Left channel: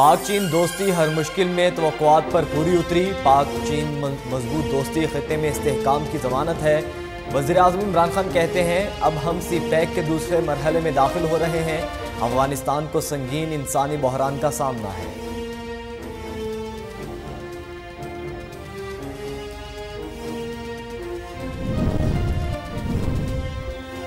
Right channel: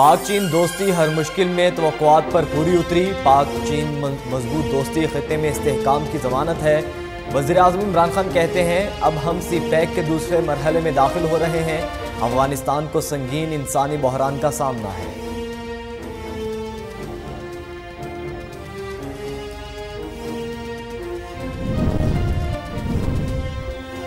پاک چین دوستی ہر مشکل میں توقعات پر پوری اتری۔ پاک چین مضبوط دوستی خطے میں استحکام کی ضمانت ہے۔ وزیر اعظم عمران خان کہتے ہیں اب ہم سی پیک کے دوسرے مرحلے میں داخل ہو رہے ہیں۔ افغانستان کو سنگین انسانی بحران کا سامنا ہے۔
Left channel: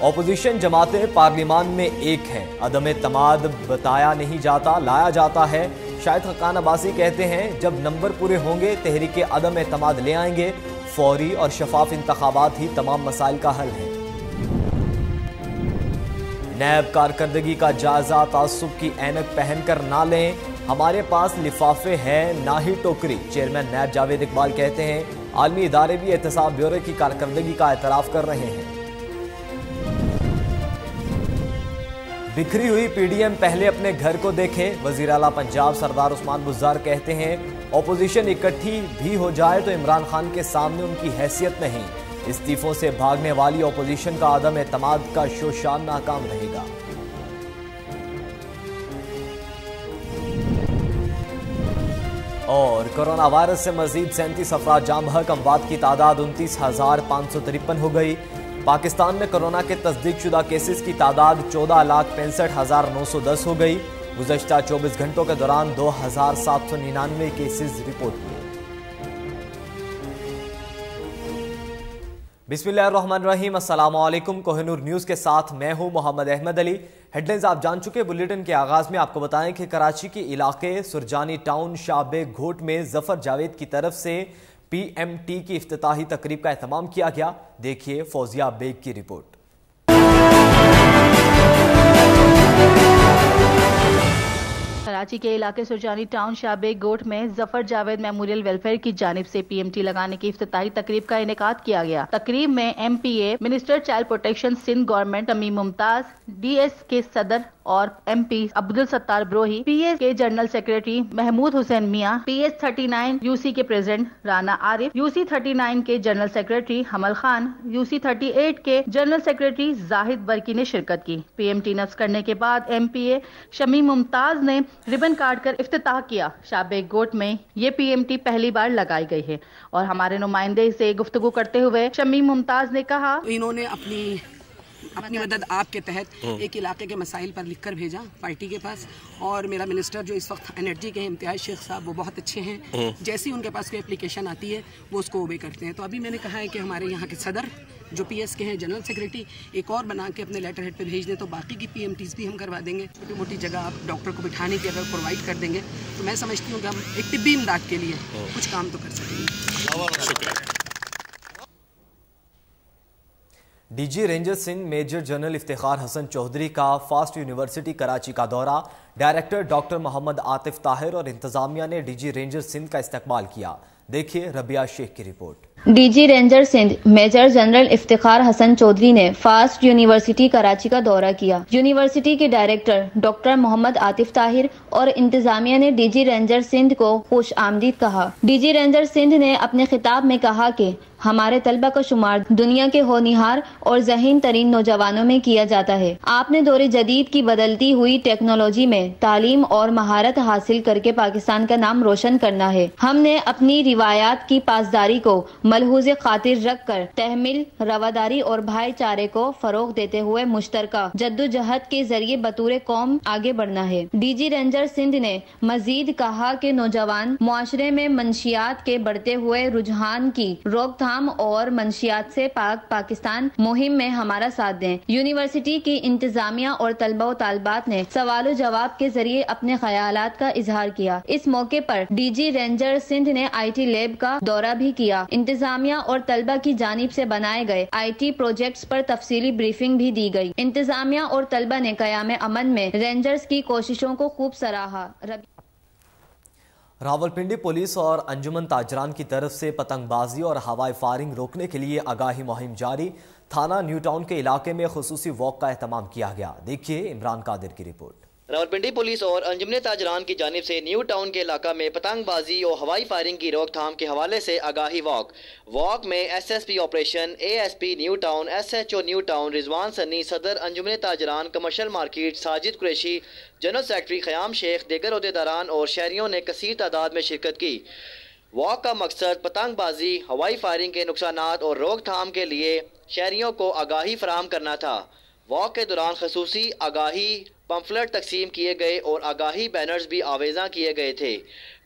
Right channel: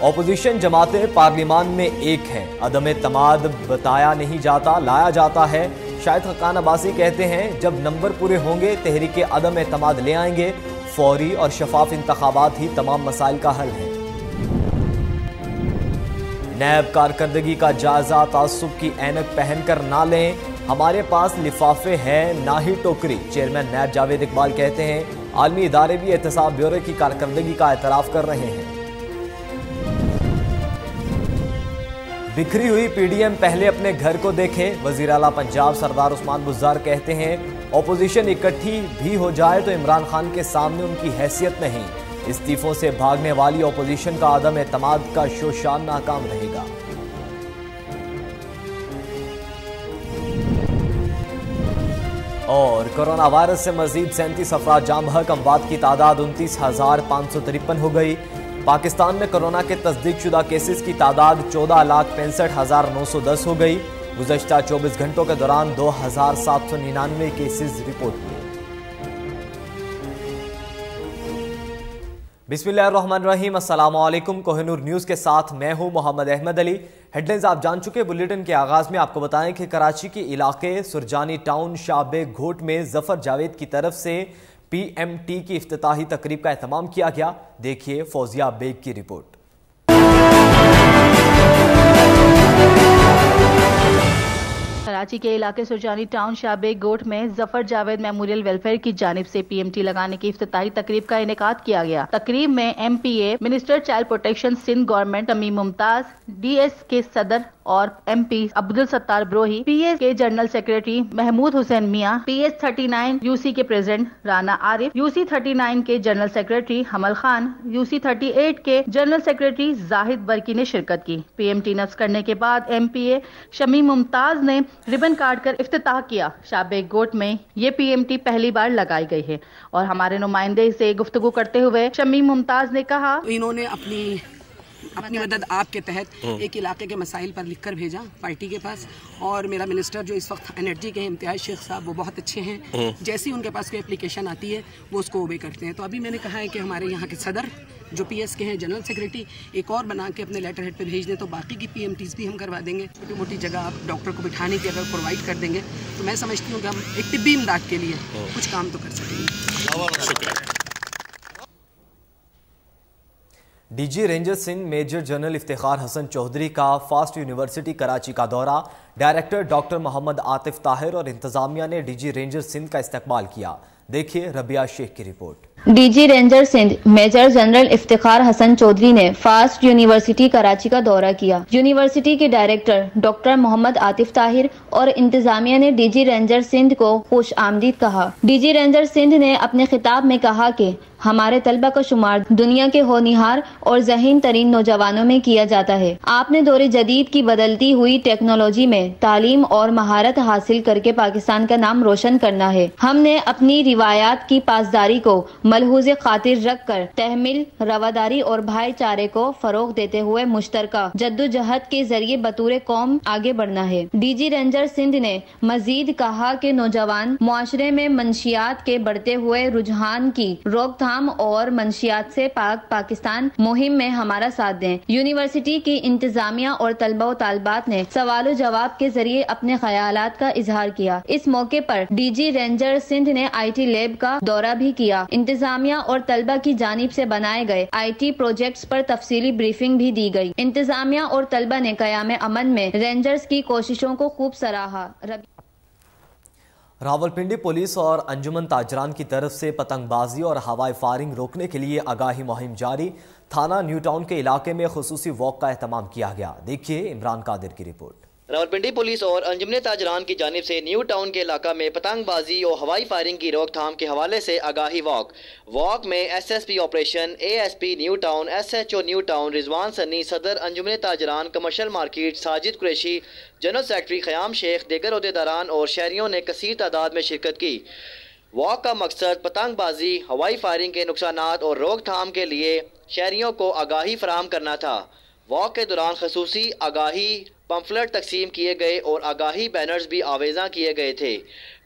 اپوزیشن جماعتیں پارلیمان میں ایک ہیں، عدم اعتماد بتایا نہیں جاتا، لایا جاتا ہے۔ شاہد خاقان عباسی کہتے ہیں جب نمبر پورے ہوں گے تحریک عدم اعتماد لے آئیں گے۔ فوری اور شفاف انتخابات ہی تمام مسائل کا حل ہے۔ نیب کارکردگی کا جائزہ تعصب کی اینک پہن کر نہ لیں، ہمارے پاس لفافے ہیں نہ ہی ٹوکری۔ چیئرمین نیب جاوید اقبال کہتے ہیں عالمی ادارے بھی احتساب بیورو کی کارکردگی کا اعتراف کر رہے ہیں۔ بکھری ہوئی پی ڈی ایم پہلے اپنے گھر کو دیکھے، وزیر اعلیٰ پنجاب سردار عثمان بزدار کہتے ہیں اپوزیشن اکٹھی بھی ہو جائے تو عمران خان کے سامنے ان کی حیثیت نہیں۔ استعفوں سے بھاگنے والی اپوزیشن کا عدم اعتماد کا شوشان ناکام رہے گا۔ اور کورونا وائرس سے مزید 37 افراد جاں بحق، اموات کی تعداد 29,553 ہو گئی۔ پاکستان میں کورونا کے تصدیق شدہ کیسز کی تعداد 14,65,910 ہو گئی۔ گزشتہ 24 گھنٹوں کے دوران 2,799 کیسز رپورٹ ہوئے۔ بسم اللہ الرحمن الرحیم، السلام علیکم۔ کوہ نور نیوز کے ساتھ میں ہوں محمد احمد علی۔ ہیڈ لائنز آپ جان چکے۔ بلیٹن کے آغاز میں آپ کو بتائیں کہ کراچی کے علاقے سرجانی ٹاؤن شاہ بیگ گھوٹ میں ظفر جاوید کی طرف سے پی ایم ٹی کی افتتاحی تقریب کا اہتمام کیا گیا۔ دیکھیے فوزیہ بیگ کی رپورٹ۔ کراچی کے علاقے سرجانی ٹاؤن شاہ بیگ گوٹ میں ظفر جاوید میموریل ویلفیئر کی جانب سے پی ایم ٹی لگانے کی افتتاحی تقریب کا انعقاد کیا گیا۔ تقریب میں M P A minister child protection Sindh government Shamim Mumtaz, D S کے صدر اور M P Abdul Sattar Brohi, P S کے general secretary Mahmood Hussain Mian, P S 39 U C کے president Rana Arif, U C 39 کے جنرل سیکریٹری حمل خان، یو سی 38 کے جنرل سیکریٹری زاہد برکی نے شرکت کی۔ پی ایم ٹی نصب کرنے کے بعد ایم پی اے شمیم ممتاز نے ربن کاٹ کر افتتاح کیا۔ شاہ بیگ گوٹ میں یہ پی ایم ٹی پہلی بار لگائی گئی ہے اور ہمارے نمائندے سے گفتگو کرتے ہوئے شمیم ممتاز نے کہا انہوں نے اپنی مدد آپ کے تحت ایک علاقے کے مسائل پر لکھ کر بھیجا پارٹی کے پاس، اور میرا منسٹر جو اس وقت انرجی کے امتیاز شیخ صاحب وہ بہت اچھے ہیں، جیسے ان کے پاس کوئی اپلیکیشن آتی ہے وہ اس کو اوبے کرتے ہیں۔ تو ابھی میں نے کہا ہے کہ ہمارے یہاں کے صدر جو پی ایس کے ہیں جنرل سیکریٹری ایک اور بنا کے اپنے لیٹر ہیڈ پہ بھیج دیں تو باقی کی پی ایم ٹیز بھی ہم کروا دیں گے۔ چھوٹی موٹی جگہ آپ ڈاکٹر کو بٹھانے کی اگر پرووائڈ کر دیں گے تو میں سمجھتی ہوں کہ ہم ایک طبی امداد کے لیے کچھ کام تو کر سکیں گے۔ D G ranger Sindh major general Iftikhar Hassan Chaudhry کا فاسٹ یونیورسٹی کراچی کا دورہ۔ ڈائریکٹر ڈاکٹر محمد عاطف طاہر اور انتظامیہ نے ڈی جی رینجر سندھ کا استقبال کیا۔ دیکھیے ربیہ شیخ کی report. D G ranger Sindh major general Iftikhar Hassan Chaudhry نے فاسٹ یونیورسٹی کراچی کا دورہ کیا۔ یونیورسٹی کے ڈائریکٹر ڈاکٹر محمد عاطف طاہر اور انتظامیہ نے ڈی جی رینجر سندھ کو خوش آمدید کہا۔ ڈی جی رینجر سندھ نے اپنے خطاب میں کہا کہ ہمارے طلبہ کا شمار دنیا کے ہونہار اور ذہین ترین نوجوانوں میں کیا جاتا ہے۔ آپ نے دور جدید کی بدلتی ہوئی ٹیکنالوجی میں تعلیم اور مہارت حاصل کر کے پاکستان کا نام روشن کرنا ہے۔ ہم نے اپنی روایات کی پاسداری کو ملحوظ خاطر رکھ کر تحمل، رواداری اور بھائی چارے کو فروغ دیتے ہوئے مشترکہ جدوجہد کے ذریعے بطور قوم آگے بڑھنا ہے۔ ڈی جی رینجر سندھ نے مزید کہا کہ نوجوان معاشرے میں منشیات کے بڑھتے ہوئے رجحان کی روک تھام اور منشیات سے پاک پاکستان مہم میں ہمارا ساتھ دیں۔ یونیورسٹی کی انتظامیہ اور طلبہ و طالبات نے سوال و جواب کے ذریعے اپنے خیالات کا اظہار کیا۔ اس موقع پر ڈی جی رینجر سندھ نے آئی ٹی لیب کا دورہ بھی کیا۔ انتظامیہ اور طلبہ کی جانب سے بنائے گئے آئی ٹی پروجیکٹس پر تفصیلی بریفنگ بھی دی گئی۔ انتظامیہ اور طلبہ نے قیام امن میں رینجرز کی کوششوں کو خوب سراہا۔ راولپنڈی پولیس اور انجمن تاجران کی طرف سے پتنگ بازی اور ہوائی فائرنگ روکنے کے لیے آگاہی مہم جاری۔ تھانہ نیو ٹاؤن کے علاقے میں خصوصی واک کا اہتمام کیا گیا۔ دیکھیے عمران قادر کی رپورٹ۔ راولپنڈی پولیس اور انجمن تاجران کی جانب سے نیو ٹاؤن کے علاقہ میں پتنگ بازی اور ہوائی فائرنگ کی روک تھام کے حوالے سے آگاہی واک میں S S P operation A S P new town S H O new town Rizwan Sunni صدر انجمن تاجران commercial market Sajid Qureshi general secretary Khayyam Sheikh دیگر عہدیداران اور شہریوں نے کثیر تعداد میں شرکت کی۔ واک کا مقصد پتنگ بازی ہوائی فائرنگ کے نقصانات اور روک تھام کے لیے شہریوں کو آگاہی فراہم کرنا تھا۔ واک کے دوران خصوصی آگاہی پمفلٹ تقسیم کیے گئے اور آگاہی بینرز بھی آویزاں کیے گئے تھے۔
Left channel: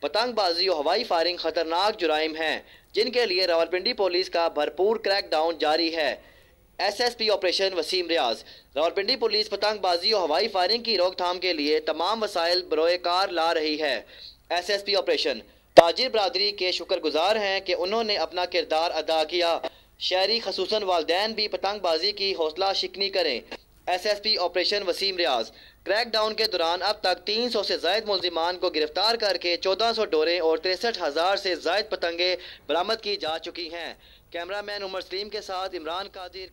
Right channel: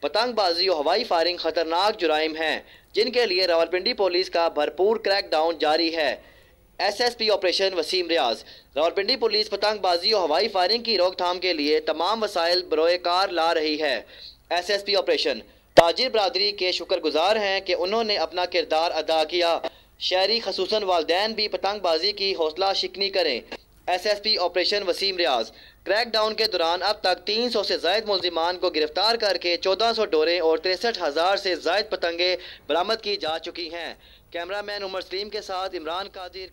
پتنگ بازی اور ہوائی فائرنگ خطرناک جرائم ہیں جن کے لیے راولپنڈی پولیس کا بھرپور کریک ڈاؤن جاری ہے۔ S S P operation Waseem Riaz. Rawalpindi police پتنگ بازی اور ہوائی فائرنگ کی روک تھام کے لیے تمام وسائل بروئے کار لا رہی ہے۔ ایس ایس پی آپریشن تاجر برادری کے شکر گزار ہیں کہ انہوں نے اپنا کردار ادا کیا۔ شہری خصوصاً والدین بھی پتنگ بازی کی حوصلہ شکنی کریں۔ S S P operation Waseem Riaz. Crackdown کے دوران اب تک 300 سے زائد ملزمان کو گرفتار کر کے 1400 ڈوریں اور 63,000 سے زائد پتنگیں برآمد کی جا چکی ہیں۔ کیمرہ مین عمر سلیم کے ساتھ عمران قادر۔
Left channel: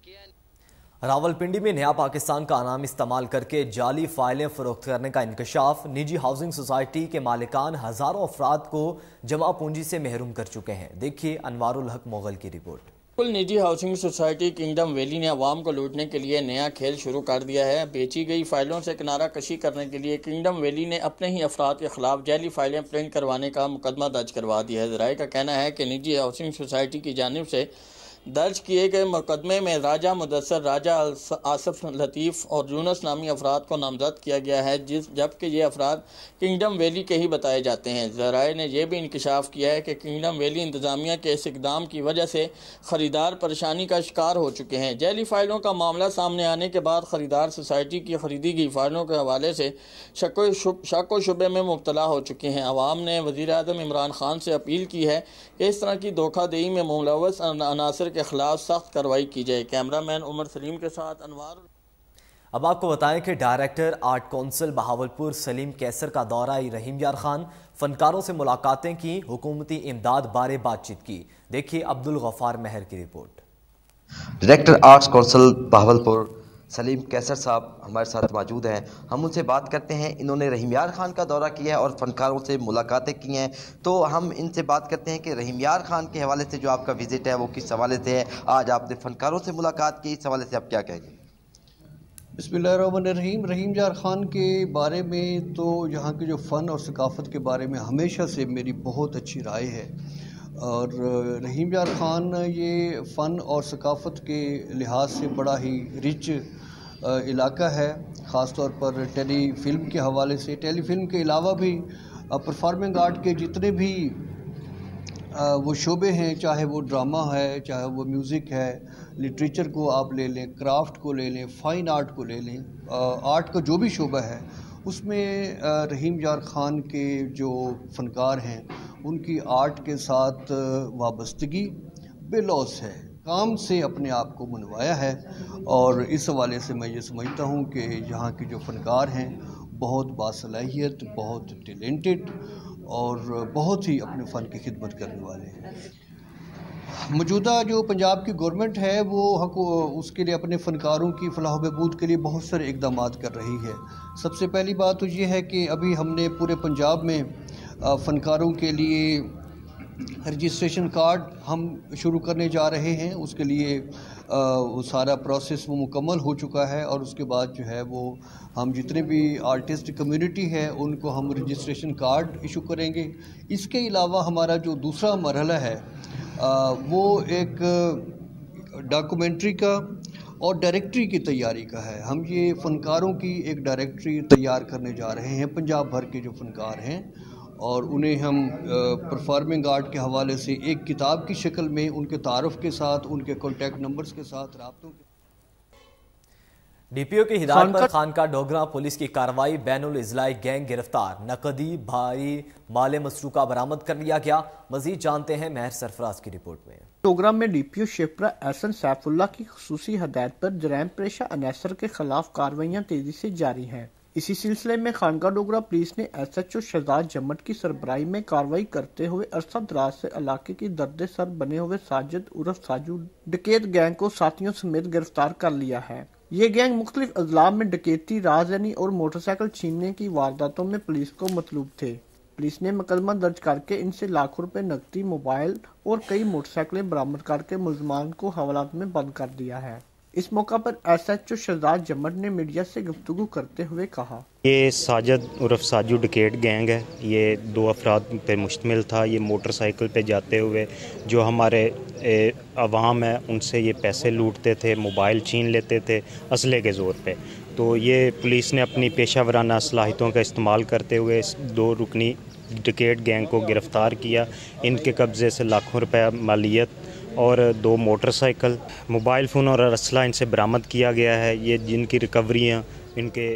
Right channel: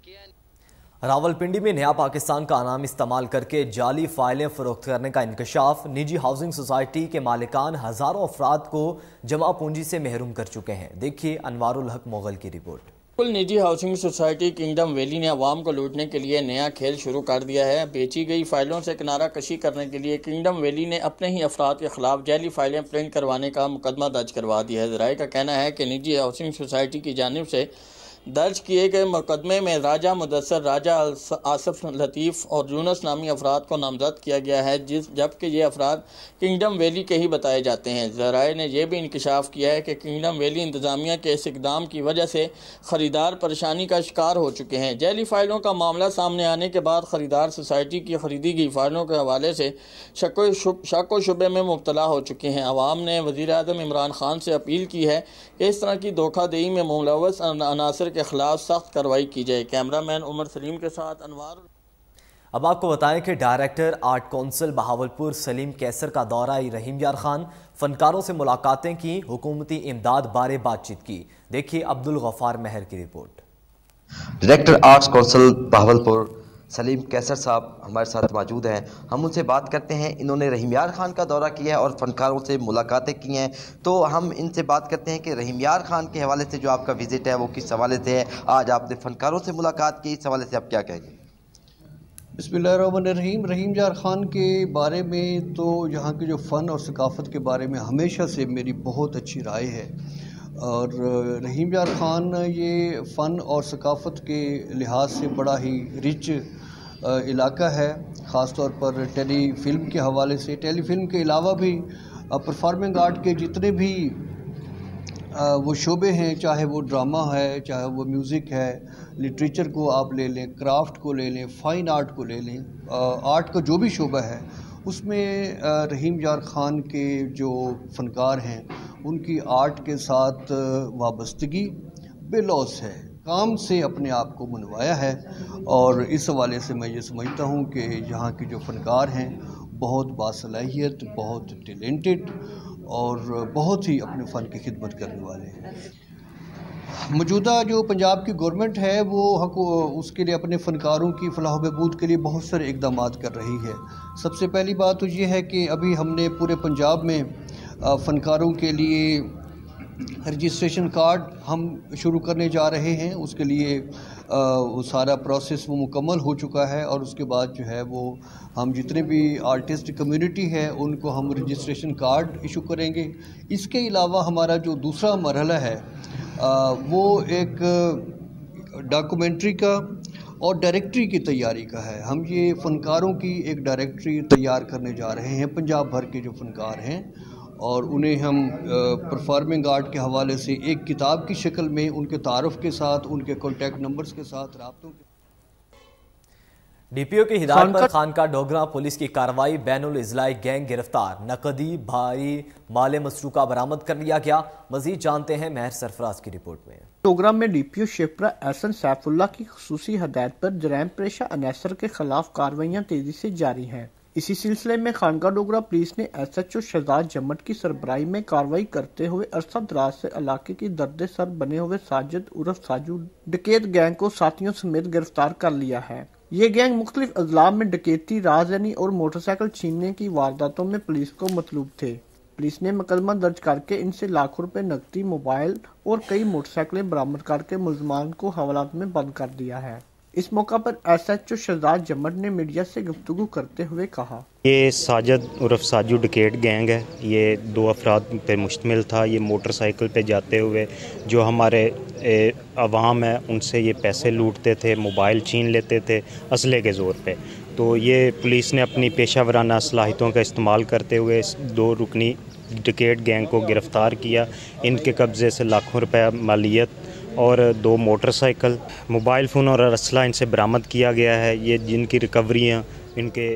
راولپنڈی میں نیا پاکستان کا نام استعمال کر کے جعلی فائلیں فروخت کرنے کا انکشاف۔ نجی ہاؤسنگ سوسائٹی کے مالکان ہزاروں افراد کو جمع پونجی سے محروم کر چکے ہیں۔ دیکھیے انوار الحق مغل کی رپورٹ۔ نجی ہاؤسنگ سوسائٹی کنگڈم ویلی نے عوام کو لوٹنے کے لیے نیا کھیل شروع کر دیا ہے۔ بیچی گئی فائلوں سے کنارہ کشی کرنے کے لیے کنگڈم ویلی نے اپنے ہی افراد کے خلاف جعلی فائلیں پرنٹ کروانے کا مقدمہ درج کروا دیا ہے۔ ذرائع کا کہنا ہے کہ نجی ہاؤسنگ سوسائٹی کی جانب سے درج کیے گئے مقدمے میں راجہ مدثر، راجہ آصف لطیف اور یونس نامی افراد کو نامزد کیا گیا ہے، جبکہ یہ افراد کنگڈم ویلی کے ہی بتائے جاتے ہیں۔ ذرائع نے یہ بھی انکشاف کیا ہے کہ کنگڈم ویلی انتظامیہ کے اس اقدام کی وجہ سے خریدار پریشانی کا شکار ہو چکے ہیں۔ جعلی فائلوں کا معاملہ سامنے آنے کے بعد خریدار سوسائٹی کی خریدی گئی فائلوں کے حوالے سے شک و شبے میں مبتلا ہو چکے ہیں۔ عوام نے وزیر اعظم عمران خان سے اپیل کی ہے کہ اس طرح کی دھوکہ دہی میں ملوث عناصر کے خلاف سخت کارروائی کی جائے۔ کیمرہ مین عمر سلیم کے ساتھ انوار۔ اب آپ کو بتائیں کہ director art council Bahawalpur Saleem کیسر کا دورہ رحیم یار خان، فنکاروں سے ملاقاتیں کی، حکومتی امداد بارے بات چیت کی۔ دیکھیے عبدالغفار مہر کی report. Director arts council Bahawalpur Saleem Kaiser صاحب ہمارے ساتھ موجود ہیں۔ ہم ان سے بات کرتے ہیں۔ انہوں نے رحیم یار خان کا دورہ کیا ہے اور فنکاروں سے ملاقاتیں کی ہیں، تو ہم ان سے بات کرتے ہیں کہ رحیم یار خان کے حوالے سے جو آپ کا وزٹ ہے وہ کس حوالے سے ہے؟ آج آپ نے فنکاروں سے ملاقات کی، اس حوالے سے آپ کیا کہیں گے؟ بسم اللہ الرحمن الرحیم۔ رحیم یار خان کے بارے میں تو یہاں کے جو فن اور ثقافت کے بارے میں ہمیشہ سے میری بہت اچھی رائے ہے، اور رحیم یار خان یہ فن اور ثقافت کے لحاظ سے بڑا ہی رچ علاقہ ہے، خاص طور پر ٹیلی فلم کے حوالے سے۔ ٹیلی فلم کے علاوہ بھی پرفارمنگ آرٹ کے جتنے بھی وہ شعبے ہیں، چاہے وہ ڈرامہ ہے، چاہے وہ میوزک ہے، لٹریچر کو آپ لے لیں، کرافٹ کو لے لیں، فائن آرٹ کو لے لیں، آرٹ کا جو بھی شعبہ ہے اس میں رحیم یار خان کے جو فنکار ہیں ان کی آرٹ کے ساتھ وابستگی بے لوث ہے، کام سے اپنے آپ کو منوایا ہے، اور اس حوالے سے میں یہ سمجھتا ہوں کہ یہاں کے جو فنکار ہیں بہت باصلاحیت، بہت ٹیلنٹڈ اور بہت ہی اپنے فن کی خدمت کرنے والے ہیں۔ موجودہ جو پنجاب کی گورنمنٹ ہے وہ اس کے لیے اپنے فنکاروں کی فلاح و بہبود کے لیے بہت سارے اقدامات کر رہی ہے۔ سب سے پہلی بات تو یہ ہے کہ ابھی ہم نے پورے پنجاب میں فنکاروں کے لیے رجسٹریشن کارڈ ہم شروع کرنے جا رہے ہیں۔ اس کے لیے وہ سارا پروسیس وہ مکمل ہو چکا ہے، اور اس کے بعد جو ہے وہ ہم جتنے بھی آرٹسٹ کمیونٹی ہے ان کو ہم رجسٹریشن کارڈ ایشو کریں گے۔ اس کے علاوہ ہمارا جو دوسرا مرحلہ ہے وہ ایک ڈاکومنٹری کا اور ڈائریکٹری کی تیاری کا ہے۔ ہم یہ فنکاروں کی ایک ڈائریکٹری تیار کرنے جا رہے ہیں، پنجاب بھر کے جو فنکار ہیں، اور انہیں ہم پرفارمنگ آرٹ کے حوالے سے ایک کتاب کی شکل میں ان کے تعارف کے ساتھ، ان کے کانٹیکٹ نمبرز کے ساتھ رابطوں کے ڈی پی او کی ہدایت پر خانقاہ ڈوگرہ پولیس کی کارروائی، بین الاضلاعی گینگ گرفتار، نقدی بھاری مال مسروقہ برآمد کر لیا گیا۔ مزید جانتے ہیں مہر سرفراز کی رپورٹ میں۔ ڈوگرہ میں ڈی پی او شیپرا احسن سیف اللہ کی خصوصی ہدایت پر جرائم پیشہ عناصر کے خلاف کارروائیاں تیزی سے جاری ہیں۔ اسی سلسلے میں خانقاہ ڈوگرہ پولیس نے ایس ایچ او شہزاد جمٹ کی سربراہی میں کارروائی کرتے ہوئے عرصہ دراز سے علاقے کی درد سر بنے ہوئے ساجد عرف ساجو ڈکیت گینگ کو ساتھیوں سمیت گرفتار کر لیا ہے۔ یہ گینگ مختلف اضلاع میں ڈکیتی، رازداری اور موٹر سائیکل چھیننے کی وارداتوں میں پولیس کو مطلوب تھے۔ پولیس نے مقدمہ درج کر کے ان سے لاکھوں روپے نقدی، موبائل اور کئی موٹر سائیکلیں برآمد کر کے ملزمان کو حوالات میں بند کر دیا ہے۔ اس موقع پر ایس ایچ او شہزاد جمٹ نے میڈیا سے گفتگو کرتے ہوئے کہا، یہ ساجد عرف ساجو ڈکیٹ گینگ ہے۔ یہ 2 افراد پہ مشتمل تھا۔ یہ موٹر سائیکل پہ جاتے ہوئے جو ہمارے عوام ہے ان سے یہ پیسے لوٹتے تھے، موبائل چھین لیتے تھے اسلحے کے زور پہ۔ تو یہ پولیس نے اپنی پیشہ ورانہ صلاحیتوں کا استعمال کرتے ہوئے اس 2 رکنی ڈکیٹ گینگ کو گرفتار کیا۔ ان کے قبضے سے لاکھوں روپے مالیت اور 2 موٹر سائیکل، موبائل فون اور اسلحہ ان سے برآمد کیا گیا ہے۔ یہ جن کی ریکوریاں ان کے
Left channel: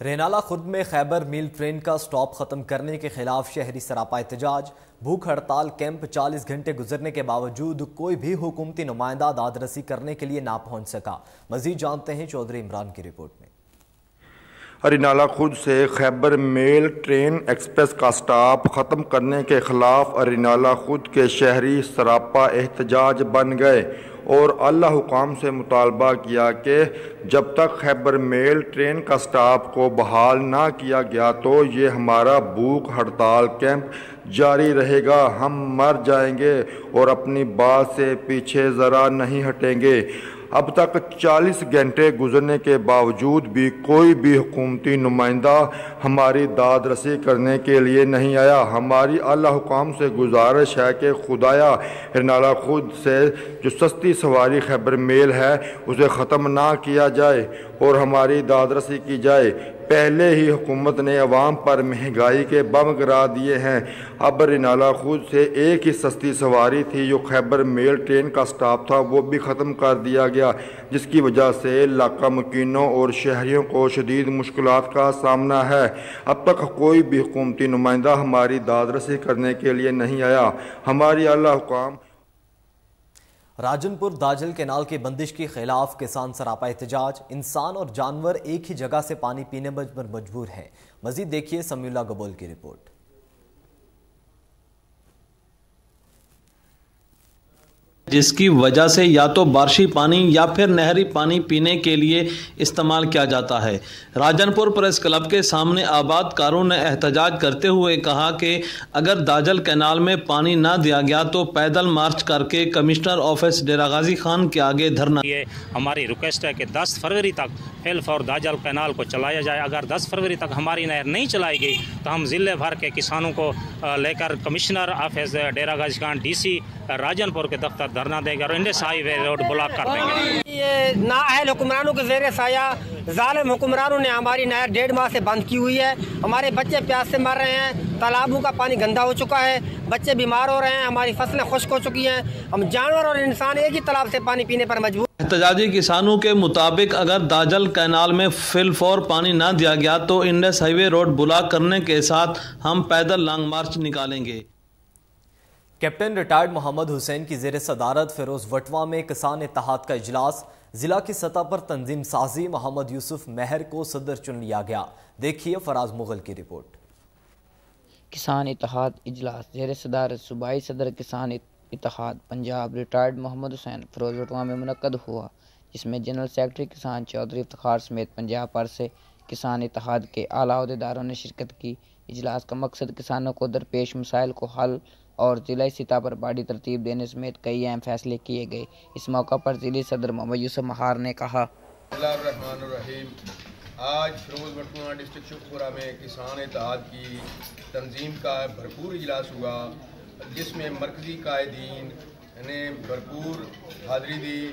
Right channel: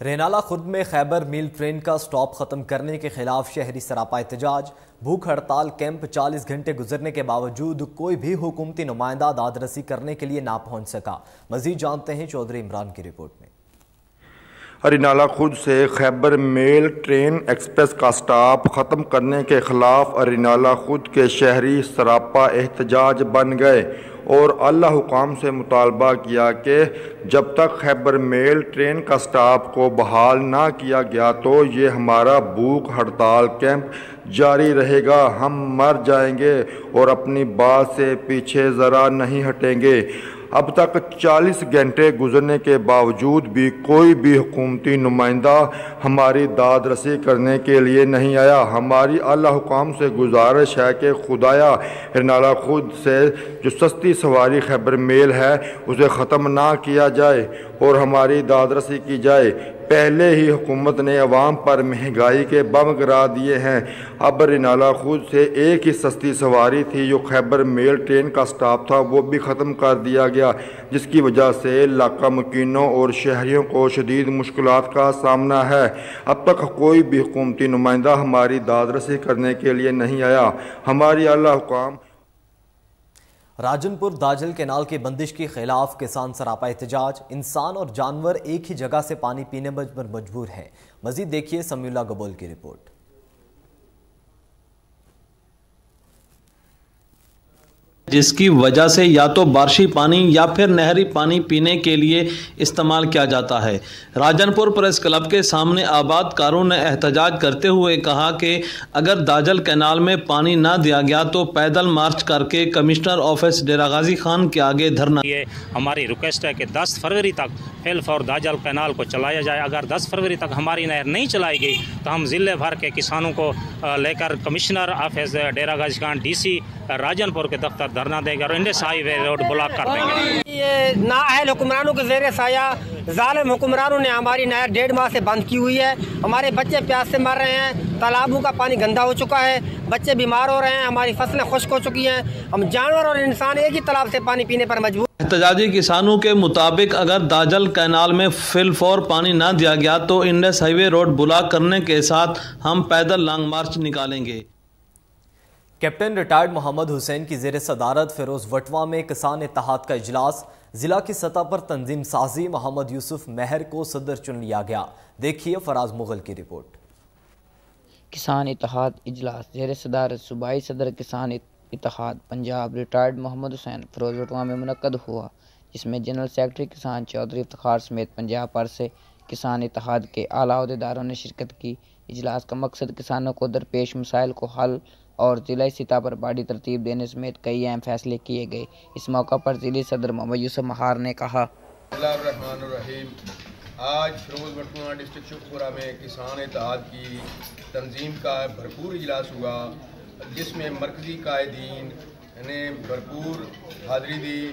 رینالہ خرد میں خیبر میل ٹرین کا سٹاپ ختم کرنے کے خلاف شہری سراپا احتجاج، بھوک ہڑتال کیمپ 40 گھنٹے گزرنے کے باوجود کوئی بھی حکومتی نمائندہ داد رسی کرنے کے لیے نہ پہنچ سکا۔ مزید جانتے ہیں چودھری عمران کی رپورٹ میں۔ رینالہ خرد سے خیبر میل ٹرین ایکسپریس کا سٹاپ ختم کرنے کے خلاف رینالہ خرد کے شہری سراپا احتجاج بن گئے اور اعلیٰ حکام سے مطالبہ کیا کہ جب تک خیبر میل ٹرین کا سٹاپ کو بحال نہ کیا گیا تو یہ ہمارا بھوک ہڑتال کیمپ جاری رہے گا۔ ہم مر جائیں گے اور اپنی بات سے پیچھے ذرا نہیں ہٹیں گے۔ اب تک 40 گھنٹے گزرنے کے باوجود بھی کوئی بھی حکومتی نمائندہ ہماری داد رسی کرنے کے لیے نہیں آیا۔ ہماری اعلیٰ حکام سے گزارش ہے کہ خدایا رینالہ خرد سے جو سستی سواری خیبر میل ہے اسے ختم نہ کیا جائے اور ہماری داد رسی کی جائے۔ پہلے ہی حکومت نے عوام پر مہنگائی کے بم گرا دیے ہیں۔ اب رینالہ خرد سے ایک ہی سستی سواری تھی جو خیبر میل ٹرین کا سٹاپ تھا، وہ بھی ختم کر دیا گیا، جس کی وجہ سے علاقہ مکینوں اور شہریوں کو شدید مشکلات کا سامنا ہے۔ اب تک کوئی بھی حکومتی نمائندہ ہماری داد رسی کرنے کے لیے نہیں آیا۔ ہماری اعلیٰ حکام راجن پور داجل کینال کی بندش کے خلاف کسان سراپا احتجاج، انسان اور جانور ایک ہی جگہ سے پانی پینے پر مجبور ہیں۔ مزید دیکھیے سمیع اللہ گبول کی رپورٹ۔ جس کی وجہ سے یا تو بارشی پانی یا پھر نہری پانی پینے کے لیے استعمال کیا جاتا ہے۔ راجن پور پریس کلب کے سامنے آباد کاروں نے احتجاج کرتے ہوئے کہا کہ اگر داجل کینال میں پانی نہ دیا گیا تو پیدل مارچ کر کے کمشنر آفس ڈیرہ غازی خان کے آگے دھرنا۔ یہ ہماری ریکویسٹ ہے کہ 10 فروری تک فلف اور داجل کینال کو چلایا جائے۔ اگر 10 فروری تک ہماری نہر نہیں چلائی گئی تو ہم ضلع بھر کے کسانوں کو لے کر commissioner office Dera Ghazi Khan D C Rajan پور کے دفتر دھرنا دے گا اور انڈس ہائی وے روڈ بلاک کر دیں گے۔ یہ نااہل حکمرانوں کے زیر سایہ ظالم حکمرانوں نے ہماری نہر 1.5 ماہ سے بند کی ہوئی ہے۔ ہمارے بچے پیاس سے مر رہے ہیں، تالابوں کا پانی گندا ہو چکا ہے، بچے بیمار ہو رہے ہیں، ہماری فصلیں خشک ہو چکی ہیں، ہم جانور اور انسان ایک ہی تالاب سے پانی پینے پر مجبور۔ احتجاجی کسانوں کے مطابق اگر داجل کینال میں فل فور پانی نہ دیا گیا تو انڈس ہائی وے روڈ بلاک کرنے کے ساتھ ہم پیدل لانگ مارچ نکالیں گے۔ کیپٹن ریٹائرڈ محمد حسین کی زیر صدارت فیروز وٹوا میں کسان اتحاد کا اجلاس، ضلع کی سطح پر تنظیم سازی، محمد یوسف مہر کو صدر چن لیا گیا۔ دیکھیے فراز مغل کی رپورٹ۔ کسان اتحاد اجلاس زیر صدارت صوبائی صدر کسان اتحاد پنجاب ریٹائرڈ محمد حسین فیروز وٹوا میں منعقد ہوا، جس میں جنرل سیکرٹری کسان چودھری افتخار سمیت پنجاب بھر سے کسان اتحاد کے اعلیٰ عہدیداروں نے شرکت کی۔ اجلاس کا مقصد کسانوں کو درپیش مسائل کو حل اور ضلعی سطح پر بڑی ترتیب دینے سمیت کئی اہم فیصلے کیے گئے۔ اس موقع پر ضلعی صدر محمد یوسف مہار نے کہا، بسم اللہ الرحمن الرحیم۔ آج فیروز وٹوا ڈسٹرکٹ شکرپورہ میں کسان اتحاد کی تنظیم کا بھرپور اجلاس ہوا، جس میں مرکزی قائدین نے بھرپور حاضری دی۔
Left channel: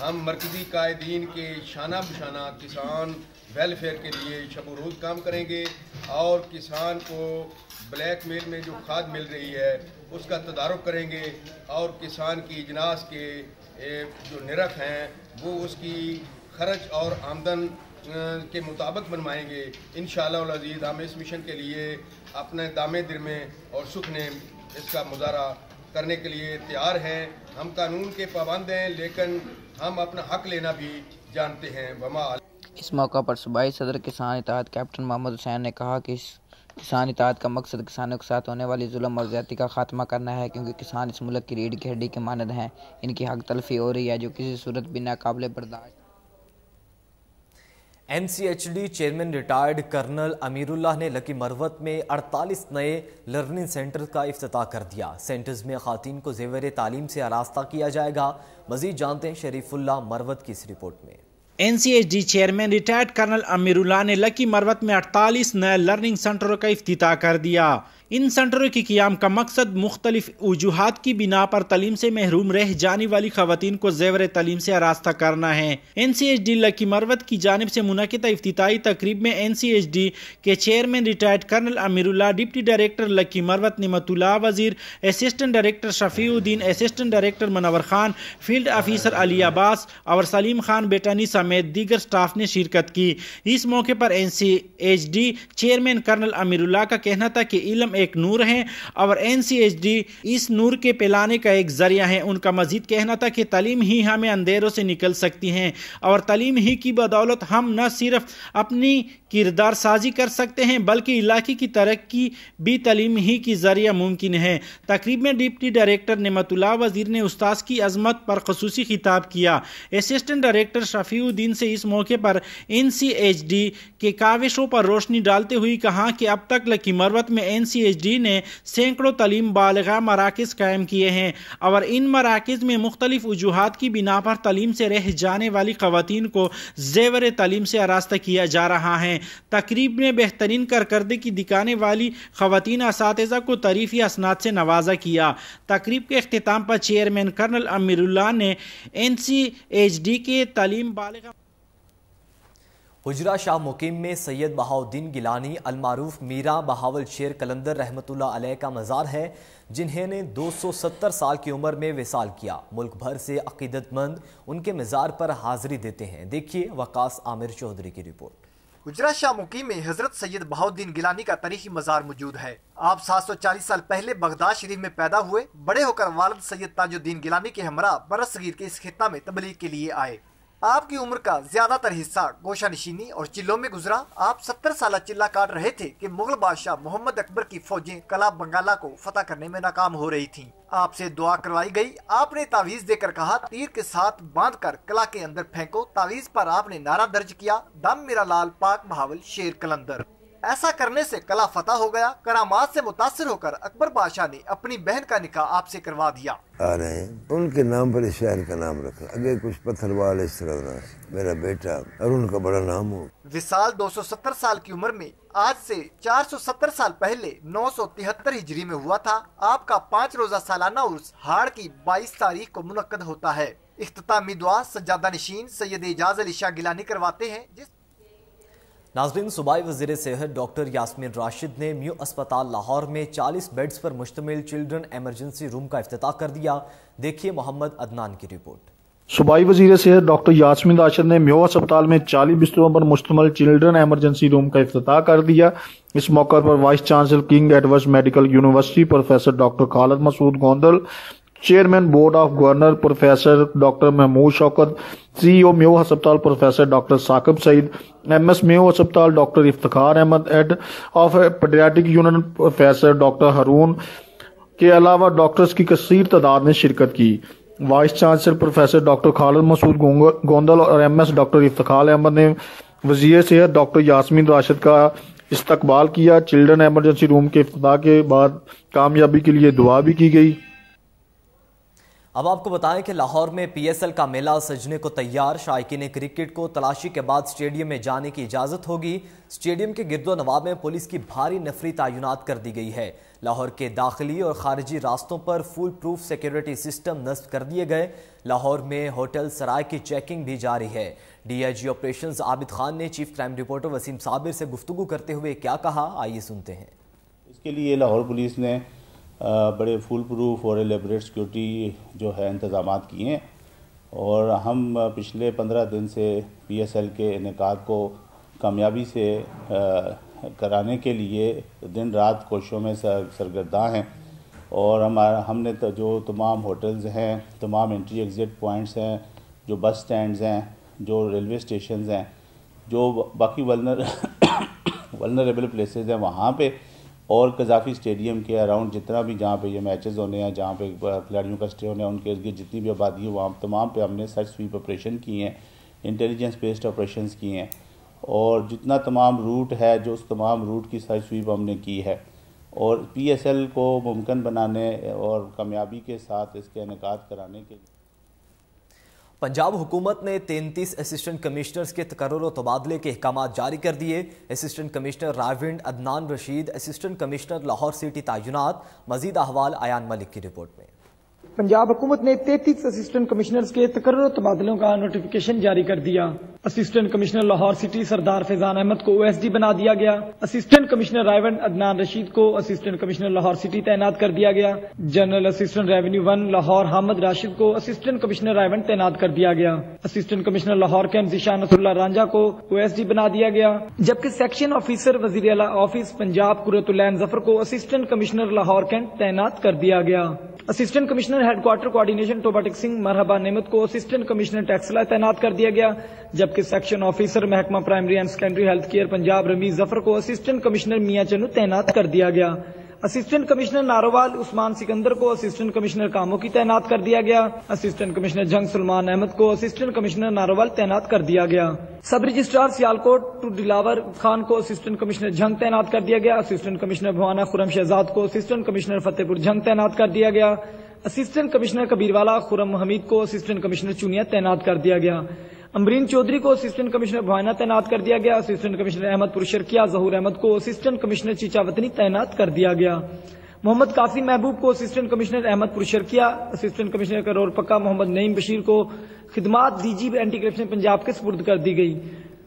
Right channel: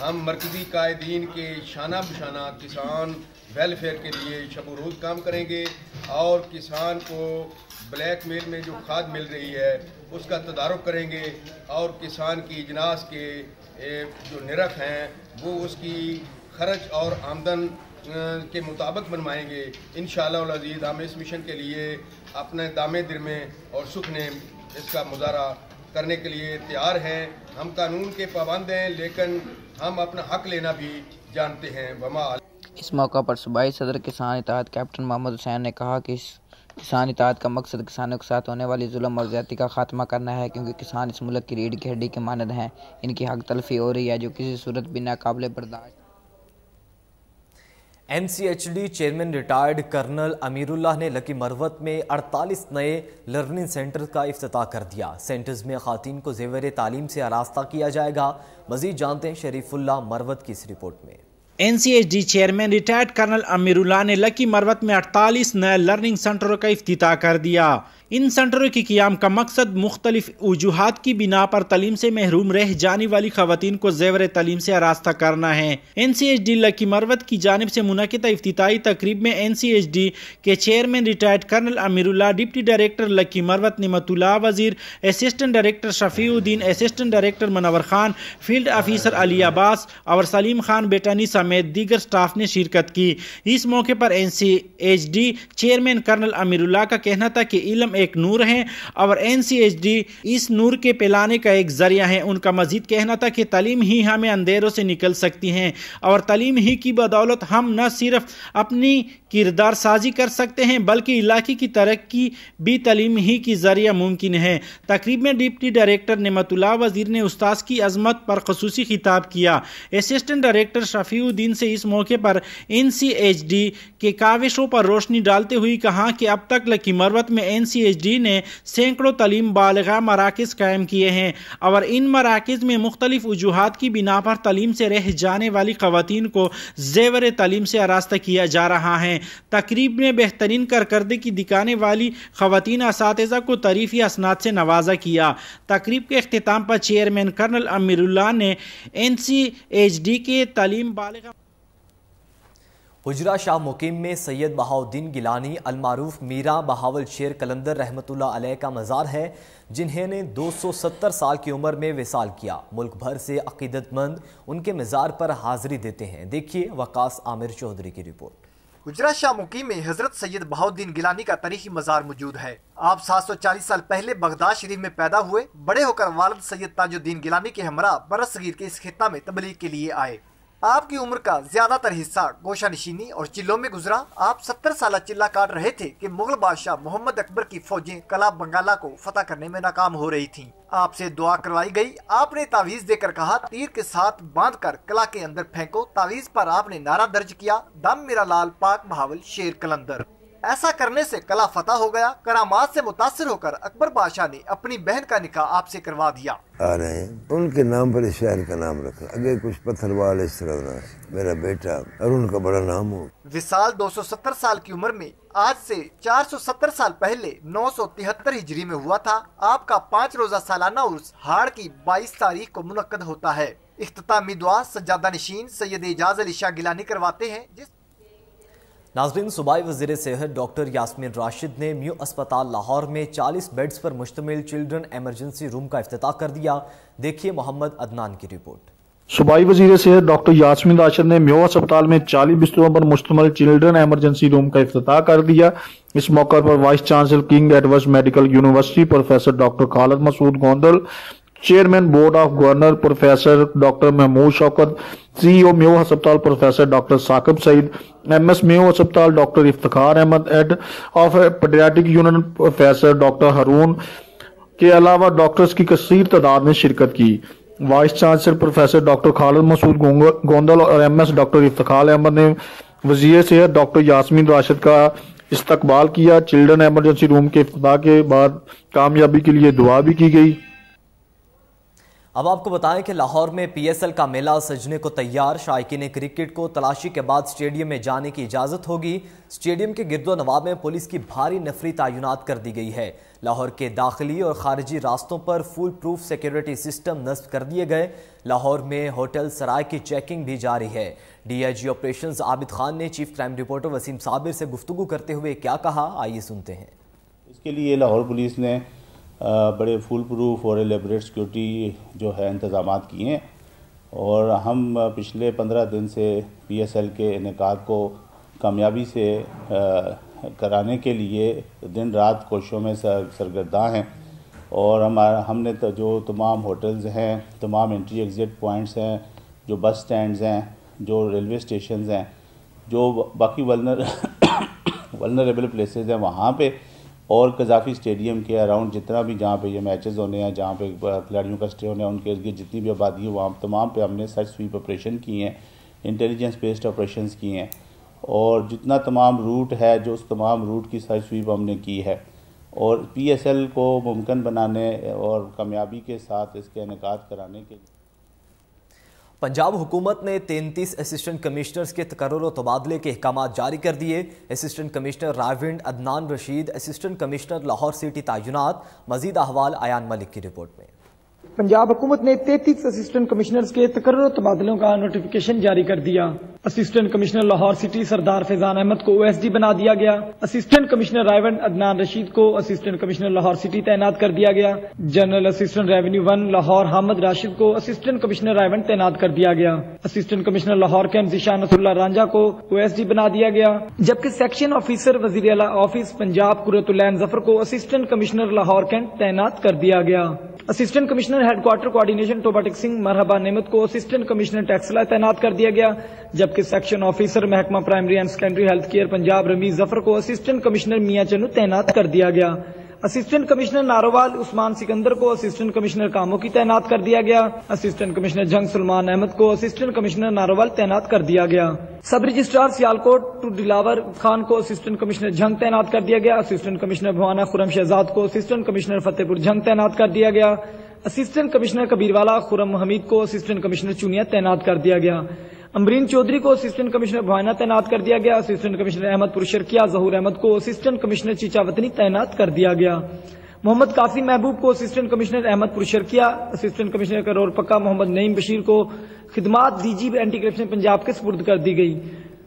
ہم مرکزی قائدین کے شانہ بشانہ کسان ویلفیئر کے لیے شب و روز کام کریں گے اور کسان کو بلیک میل میں جو کھاد مل رہی ہے اس کا تدارک کریں گے اور کسان کی اجناس کے جو نرخ ہیں وہ اس کی خرچ اور آمدن کے مطابق بنوائیں گے۔ انشاءاللہ العزیز ہم اس مشن کے لیے اپنے دامے در میں اور سکھ نے اس کا مظاہرہ کرنے کے لیے تیار ہیں۔ ہم قانون کے پابند ہیں لیکن ہم اپنا حق لینا بھی جانتے ہیں۔ اس موقع پر صوبائی صدر کسان اتحاد کیپٹن محمد حسین نے کہا کہ اس کسان اتحاد کا مقصد کسانوں کے ساتھ ہونے والی ظلم اور زیادتی کا خاتمہ کرنا ہے، کیونکہ کسان اس ملک کی ریڑھ کی ہڈی کے مانند ہیں۔ ان کی حق تلفی ہو رہی ہے جو کسی صورت بھی ناقابل برداشت۔ NCHD چیئرمین ریٹائرڈ کرنل امیر اللہ نے لکی مروت میں 48 نئے لرننگ سینٹر کا افتتاح کر دیا۔ سینٹرز میں خواتین کو زیور تعلیم سے آراستہ کیا جائے گا۔ مزید جانتے ہیں شریف اللہ مروت کی اس رپورٹ میں۔ NCHD چیئرمین ریٹائرڈ کرنل امیر اللہ نے لکی مروت میں 48 نئے لرننگ سینٹروں کا افتتاح کر دیا۔ ان سینٹروں کے قیام کا مقصد مختلف وجوہات کی بنا پر تعلیم سے محروم رہ جانے والی خواتین کو زیور تعلیم سے آراستہ کرنا ہے۔ NCHD لکی مروت کی جانب سے منعقدہ افتتاحی تقریب میں NCHD کے چیئرمین ریٹائرڈ کرنل امیر اللہ، ڈپٹی ڈائریکٹر لکی مروت نعمت اللہ وزیر، اسسٹنٹ ڈائریکٹر شفیع الدین، اسسٹنٹ ڈائریکٹر منور خان، فیلڈ آفیسر علی عباس اور سلیم خان بیٹانی سمیت دیگر سٹاف نے شرکت کی۔ اس موقع پر NCHD چیئرمین کرنل امیر اللہ کا کہنا تھا کہ علم ایک نور ہے اور NCHD اس نور کے پھیلانے کا ایک ذریعہ ہے۔ ان کا مزید کہنا تھا کہ تعلیم ہی ہمیں اندھیروں سے نکل سکتی ہے اور تعلیم ہی کی بدولت ہم نہ صرف اپنی کردار سازی کر سکتے ہیں بلکہ علاقے کی ترقی بھی تعلیم ہی کی ذریعہ ممکن ہے۔ تقریب میں ڈپٹی ڈائریکٹر نعمت اللہ وزیر نے استاذ کی عظمت پر خصوصی خطاب کیا۔ اسسٹنٹ ڈائریکٹر شفیع الدین سے اس موقع پر NCHD کے کاوشوں پر روشنی ڈالتے ہوئے کہا کہ اب تک لکی مروت میں NCHD نے سینکڑوں تعلیم بالغہ مراکز قائم کیے ہیں اور ان مراکز میں مختلف وجوہات کی بنا پر تعلیم سے رہ جانے والی خواتین کو زیور تعلیم سے آراستہ کیا جا رہا ہے۔ تقریب میں بہترین کارکردگی دکھانے والی خواتین اساتذہ کو تعریفی اسناد سے نوازا کیا۔ تقریب کے اختتام پر چیئرمین کرنل امیر اللہ نے NCHD کے تعلیم بالغہ حجرہ شاہ مقیم میں سید بہاؤالدین گیلانی المعروف میرا بہاول شیر قلندر رحمت اللہ علیہ کا مزار ہے، جنہیں نے 270 سال کی عمر میں وصال کیا۔ ملک بھر سے عقیدت مند ان کے مزار پر حاضری دیتے ہیں۔ دیکھیے وقاص عامر چودھری کی رپورٹ۔ حجرہ شاہ مقیم میں حضرت سید بہاؤالدین گیلانی کا تاریخی مزار موجود ہے۔ آپ 740 سال پہلے بغداد شریف میں پیدا ہوئے، بڑے ہو کر والد سید تاج الدین گیلانی کے ہمراہ برصغیر کے اس خطہ میں تبلیغ کے لیے آئے۔ آپ کی عمر کا زیادہ تر حصہ گوشہ نشینی اور چلوں میں گزرا۔ آپ 70 سالہ چلہ کاٹ رہے تھے کہ مغل بادشاہ محمد اکبر کی فوجیں قلعہ بنگالہ کو فتح کرنے میں ناکام ہو رہی تھیں۔ آپ سے دعا کروائی گئی۔ آپ نے تعویذ دے کر کہا تیر کے ساتھ باندھ کر قلعہ کے اندر پھینکو۔ تعویذ پر آپ نے نعرہ درج کیا، دم میرا لال پاک بہاول شیر قلندر۔ ایسا کرنے سے قلعہ فتح ہو گیا۔ کرامات سے متاثر ہو کر اکبر بادشاہ نے اپنی بہن کا نکاح آپ سے کروا دیا۔ آ رہے ہیں ان کے نام پر اس شہر کا نام رکھا، اگر کچھ پتھر وال اس طرح میرا بیٹا اور ان کا بڑا نام ہو۔ وصال 270 سال کی عمر میں آج سے 470 سال پہلے 973 ہجری میں ہوا تھا۔ آپ کا 5 روزہ سالانہ عرس ہاڑ کی 22 تاریخ کو منعقد ہوتا ہے۔ اختتامی دعا سجادہ نشین سید اعجاز علی شاہ گیلانی کرواتے ہیں۔ ناظرین، صوبائی وزیر صحت ڈاکٹر یاسمین راشد نے میو اسپتال لاہور میں 40 بیڈز پر مشتمل چلڈرن ایمرجنسی روم کا افتتاح کر دیا۔ دیکھیے محمد عدنان کی رپورٹ۔ صوبائی وزیر صحت ڈاکٹر یاسمین راشد نے میو اسپتال میں 40 بستروں پر مشتمل چلڈرن ایمرجنسی روم کا افتتاح کر دیا۔ اس موقع پر vice chancellor King Edward medical university professor doctor Khalid Masood Gondal, chairman board of governor professor doctor Mahmood Shaukat, C O Mayo ہسپتال professor doctor Saqib Saeed, MS Mayo ہسپتال doctor Iftikhar Ahmad, head of paediatric unit professor doctor Haroon کے علاوہ ڈاکٹرز کی کثیر تعداد نے شرکت کی۔ Vice chancellor professor doctor Khalid Masood Gondal اور MS ڈاکٹر افتخار احمد نے وزیر صحت ڈاکٹر یاسمین راشد کا استقبال کیا۔ چلڈرن ایمرجنسی روم کے افتتاح کے بعد کامیابی کے لیے دعا بھی کی گئی۔ اب آپ کو بتائیں کہ لاہور میں PSL کا میلہ سجنے کو تیار۔ شائقین کرکٹ کو تلاشی کے بعد سٹیڈیم میں جانے کی اجازت ہوگی۔ سٹیڈیم کے گرد و نواح میں پولیس کی بھاری نفری تعینات کر دی گئی ہے۔ لاہور کے داخلی اور خارجی راستوں پر فول پروف سیکیورٹی سسٹم نصب کر دیے گئے۔ لاہور میں ہوٹل سرائے کی چیکنگ بھی جاری ہے۔ DIG آپریشنز عابد خان نے چیف کرائم رپورٹر وسیم صابر سے گفتگو کرتے ہوئے کیا کہا، آئیے سنتے ہیں۔ اس کے لیے لاہور پولیس نے بڑے فول پروف اور ایلیبریٹ سیکیورٹی جو ہے انتظامات کیے ہیں، اور ہم پچھلے 15 دن سے PSL کے انعقاد کو کامیابی سے کرانے کے لیے دن رات کوششوں میں سرگرداں ہیں، اور ہم نے جو تمام ہوٹلز ہیں، تمام انٹری ایگزٹ پوائنٹس ہیں، جو بس سٹینڈز ہیں، جو ریلوے اسٹیشنز ہیں، جو باقی ولنریبل پلیسز ہیں، وہاں پہ اور قذافی اسٹیڈیم کے اراؤنڈ جتنا بھی جہاں پہ یہ میچز ہونے ہیں، جہاں پہ کھلاڑیوں کا اسٹے ہونے ہیں، ان کے ارد جتنی بھی آبادی ہے وہاں تمام پہ ہم نے سرچ سویپ آپریشن کی ہیں، انٹیلیجنس بیسڈ آپریشنز کی ہیں، اور جتنا تمام روٹ ہے جو اس تمام روٹ کی سرچ سویپ ہم نے کی ہے، اور پی ایس ایل کو ممکن بنانے اور کامیابی کے ساتھ اس کے انعقاد کرانے کے لیے پنجاب حکومت نے 33 اسسٹنٹ کمشنرز کے تقرر و تبادلے کے احکامات جاری کر دیے۔ Assistant commissioner Raiwind Adnan Rashid, assistant commissioner Lahore city تعینات۔ مزید احوال ایان ملک کی رپورٹ میں۔ پنجاب حکومت نے 33 اسسٹنٹ کمشنرز کے تقرر و تبادلوں کا نوٹیفیکیشن جاری کر دیا۔ اسسٹنٹ کمشنر لاہور سٹی سردار فیضان احمد کو OSD بنا دیا گیا۔ اسسٹنٹ کمشنر رائیونڈ عدنان رشید کو اسسٹنٹ کمشنر لاہور سٹی تعینات کر دیا گیا۔ General assistant revenue 1 Lahore Hamid Rashid کو اسسٹنٹ کمشنر رائیونڈ تعینات کر دیا گیا۔ Assistant commissioner Lahore camp Zeeshan Nasrullah Ranjha کو OSD بنا دیا گیا، جبکہ سیکشن آفیسر وزیر اعلیٰ آفس پنجاب قرۃ العین ظفر کو اسسٹنٹ کمشنر لاہور کیمپ تعینات کر دیا گیا۔ Assistant commissioner headquarter coordination Toba Tek Singh Marhaba Naimat کو اسسٹنٹ کمشنر ٹیکسلا تعینات کر دیا گیا، جبکہ سیکشن آفیسر محکمہ primary and secondary health care Punjab Rameez Zafar کو اسسٹنٹ کمشنر میاں چنو تعینات کر دیا گیا۔ اسسٹنٹ کمشنر ناروال عثمان سکندر کو اسسٹنٹ کمشنر کاموں کی تعینات کر دیا گیا۔ اسسٹنٹ کمشنر جنگ سلمان احمد کو اسسٹنٹ کمشنر ناروال تعینات کر دیا گیا۔ سب رجسٹرار سیالکوٹ ٹو دلاور خان کو اسسٹنٹ کمشنر جنگ تعینات کر دیا گیا۔ اسسٹنٹ کمشنر بھوانہ خرم شہزاد کو اسسٹنٹ کمشنر فتح پور جنگ تعینات کر دیا گیا۔ اسسٹنٹ کمشنر کبیروالا خرم حمید کو اسسٹنٹ کمشنر چونیا تعینات کر دیا گیا۔ امبرین چودھری کو اسسٹنٹ کمشنر بھوانہ تعینات کر دیا گیا۔ اسسٹنٹ کمشنر احمد پور شرکیہ ظہور احمد کو اسسٹنٹ کمشنر چیچاوطنی تعینات کر دیا گیا۔ محمد کافی محبوب کو اسسٹنٹ کمشنر احمد پور شرکیہ، اسسٹنٹ کمشنر کرور پکا محمد نعیم بشیر کو خدمات DG اینٹی کرپشن پنجاب کے سپرد کر دی گئی۔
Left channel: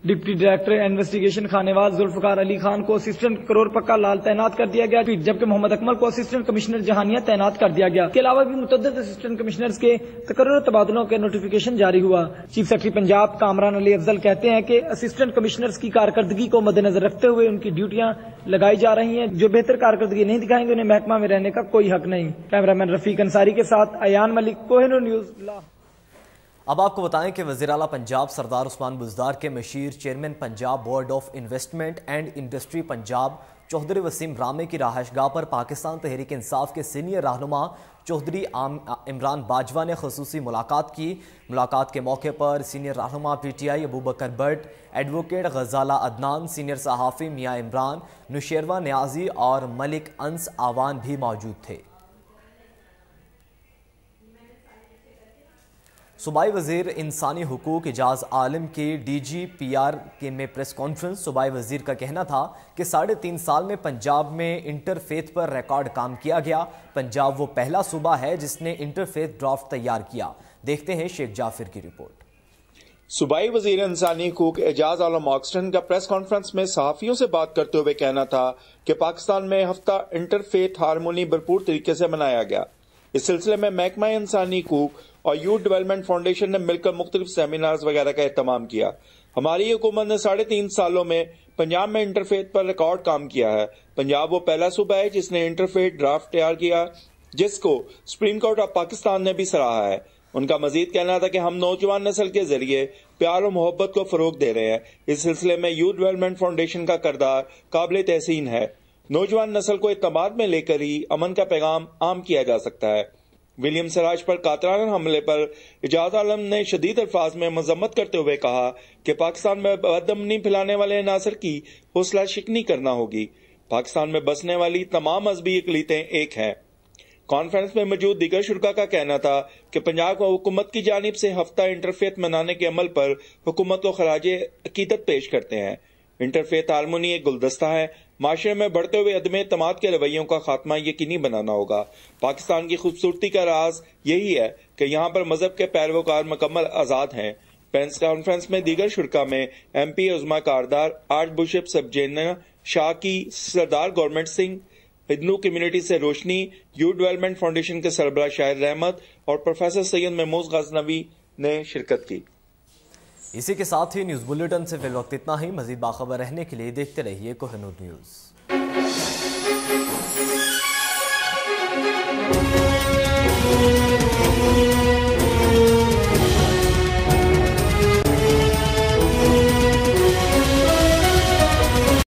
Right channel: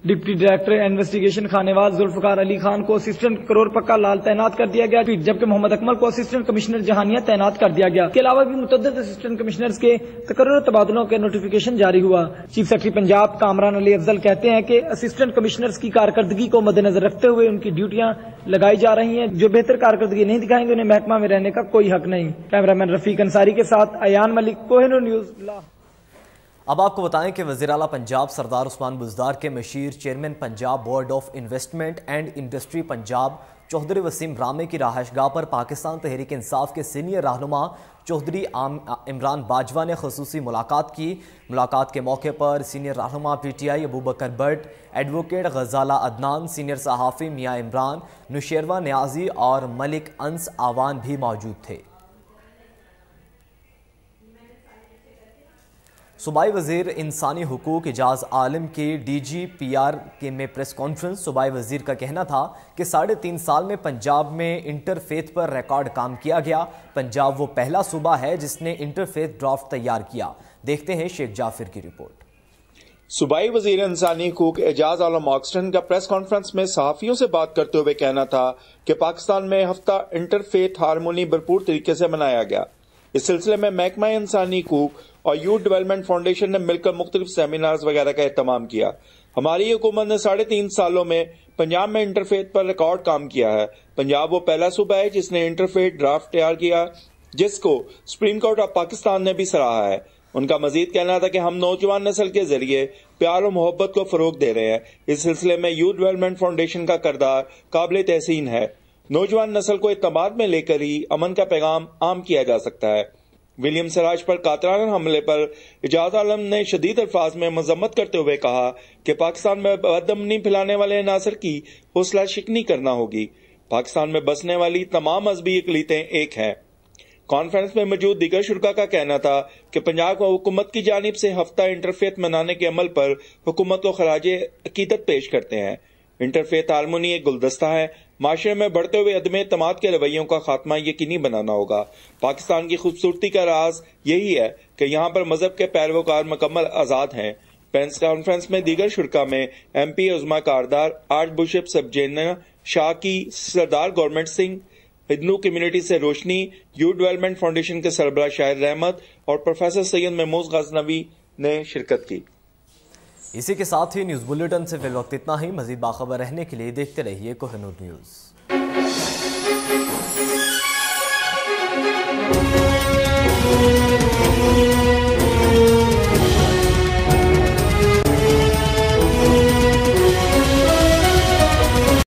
Deputy director investigation خانواز Zulfiqar Ali Khan کو اسسٹنٹ کرور پکا لال تعینات کر دیا گیا، جبکہ محمد اکمل کو اسسٹنٹ کمشنر جہانیہ تعینات کر دیا گیا۔ اس کے علاوہ بھی متعدد اسسٹنٹ کمشنرز کے تقرر تبادلوں کے نوٹیفیکیشن جاری ہوا۔ چیف سیکرٹری پنجاب کامران علی افضل کہتے ہیں کہ اسسٹنٹ کمشنرز کی کارکردگی کو مد نظر رکھتے ہوئے ان کی ڈیوٹیاں لگائی جا رہی ہیں، جو بہتر کارکردگی نہیں دکھائیں گے انہیں محکمہ میں رہنے کا کوئی حق نہیں۔ کیمرامین رفیق انصاری کے ساتھ ایان ملک، کوہنور نیوز لاہور۔ اب آپ کو بتائیں کہ وزیر اعلیٰ پنجاب سردار عثمان بزدار کے مشیر chairman Punjab board of investment and industry Punjab Chaudhry Waseem Ramay کی رہائش گاہ پر پاکستان تحریک انصاف کے سینئر رہنما چوہدری عمران باجوہ نے خصوصی ملاقات کی۔ ملاقات کے موقع پر سینئر رہنما PTI Abubakar Butt, advocate Ghazala Adnan, senior صحافی میاں عمران، نشیروہ نیازی اور ملک انس آوان بھی موجود تھے۔ صوبائی وزیر انسانی حقوق اعجاز عالم کی DGPR میں پریس کانفرنس۔ صوبائی وزیر کا کہنا تھا کہ 3.5 سال میں پنجاب میں انٹرفیتھ پر ریکارڈ کام کیا گیا۔ پنجاب وہ پہلا صوبہ ہے جس نے انٹرفیتھ ڈرافٹ تیار کیا۔ دیکھتے ہیں شیخ جعفر کی رپورٹ۔ صوبائی وزیر انسانی حقوق اعجاز عالم آکسٹن کا پریس کانفرنس میں صحافیوں سے بات کرتے ہوئے کہنا تھا کہ پاکستان میں ہفتہ انٹرفیتھ ہارمونی بھرپور طریقے سے منایا گیا۔ اس سلسلے میں محکمہ انسانی حقوق اور یوتھ ڈیولپمنٹ فاؤنڈیشن نے مل کر مختلف سیمینارز وغیرہ کا اہتمام کیا۔ ہماری حکومت نے 3.5 سالوں میں پنجاب میں انٹرفیتھ پر ریکارڈ کام کیا ہے۔ پنجاب وہ پہلا صوبہ ہے جس نے انٹرفیتھ ڈرافٹ تیار کیا، جس کو سپریم کورٹ آف پاکستان نے بھی سراہا ہے۔ ان کا مزید کہنا تھا کہ ہم نوجوان نسل کے ذریعے پیار و محبت کو فروغ دے رہے ہیں۔ اس سلسلے میں یوتھ ڈیولپمنٹ فاؤنڈیشن کا کردار قابل تحسین ہے۔ نوجوان نسل کو اعتماد میں لے کر ہی امن کا پیغام عام کیا جا سکتا ہے۔ ولیم سراج پر قاتلانہ حملے پر اعجاز عالم نے شدید الفاظ میں مذمت کرتے ہوئے کہا کہ پاکستان میں بدامنی پھیلانے والے عناصر کی حوصلہ شکنی کرنا ہوگی۔ پاکستان میں بسنے والی تمام مذہبی اقلیتیں ایک ہیں۔ کانفرنس میں موجود دیگر شرکاء کا کہنا تھا کہ پنجاب حکومت کی جانب سے ہفتہ انٹرفیتھ منانے کے عمل پر حکومت کو خراج عقیدت پیش کرتے ہیں۔ انٹرفیتھ ہارمونی ایک گلدستہ ہے۔ معاشرے میں بڑھتے ہوئے عدم اعتماد کے رویوں کا خاتمہ یقینی بنانا ہوگا۔ پاکستان کی خوبصورتی کا راز یہی ہے کہ یہاں پر مذہب کے پیروکار مکمل آزاد ہیں۔ پریس کانفرنس میں دیگر شرکاء میں MP عظما کاردار، آرچ بشپ سب جینا شاہ کی، سردار گورنمنٹ سنگھ، ہندو کمیونٹی سے روشنی، یوتھ ڈیولپمنٹ فاؤنڈیشن کے سربراہ شاہد رحمت اور پروفیسر سید محمود غزنوی نے شرکت کی۔ اسی کے ساتھ ہی نیوز بلیٹن سے فی الوقت اتنا ہی۔ مزید باخبر رہنے کے لیے دیکھتے رہیے کوہنور نیوز۔